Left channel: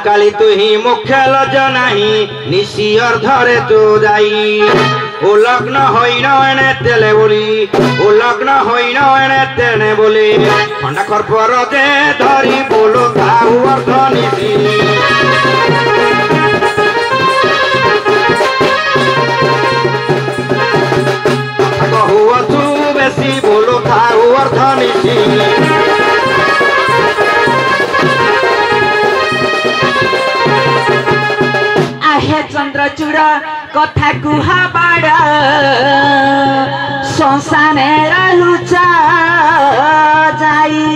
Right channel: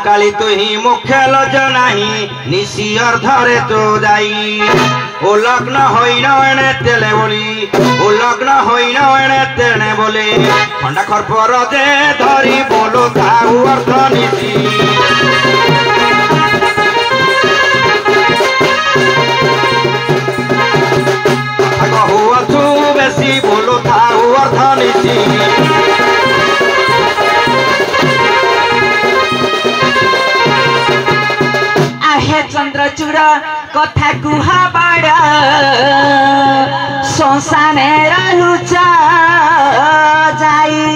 काली तु ही मुख्य लज नाही निशी अर्धरे तो जाई ओ लग्न होइन एणे तेले बोली ओ लग्न होइन एणे तेने बोली खंडा खरपर जे धरी बोलो ताऊ अर्ध निशी कहूअछु बेसी बोलो ताऊ अर्ध निशी चंद्रचूड़ कथा कुहा बाड़ा शशाने लुचा जाई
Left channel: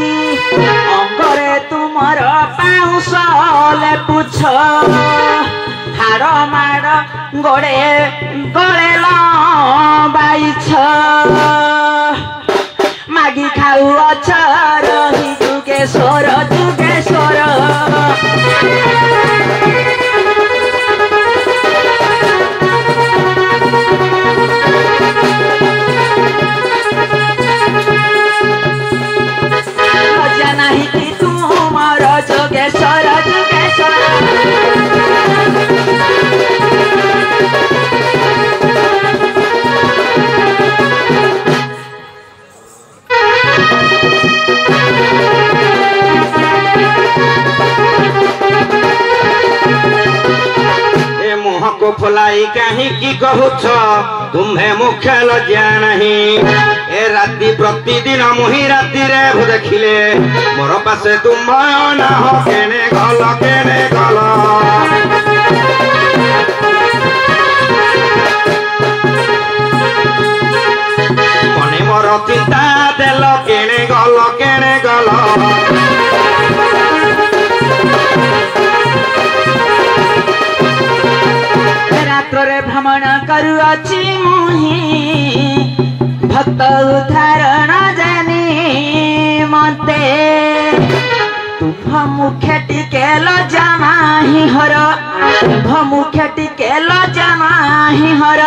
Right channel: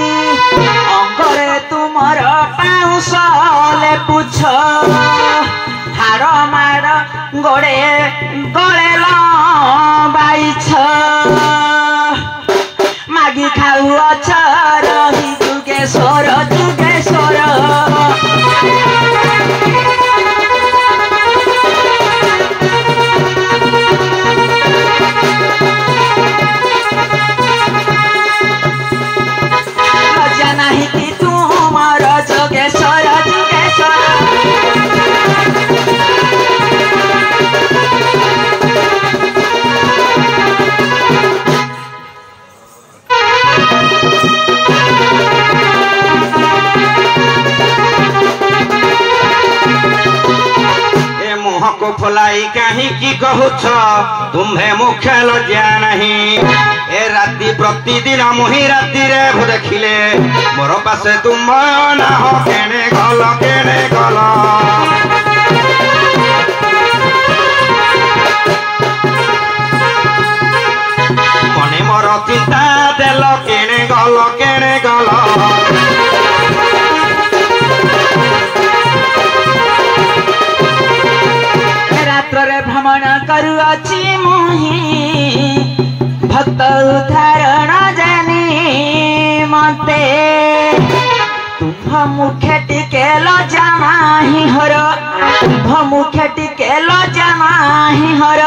अंगरे तुमर पाउसले पुछ हार मार गड़े गले बाइछ मागी खाऊ अछ रही जुगेश्वर जुगेश्वर फुलाई कहीं की कहूछ तुम्हें मुख्य लज्जा नहीं ए राति प्रतिदिन मुही राति रे देखिले मोर पासे तुम ना हो केने गल मने मोर चिंता देल केने गल भ्रमण करुअछि मुही भक्त उद्धारण जानी मते तुम मुखे टिके लजा नाही हर तुम मुखे टिके लजा नाही हर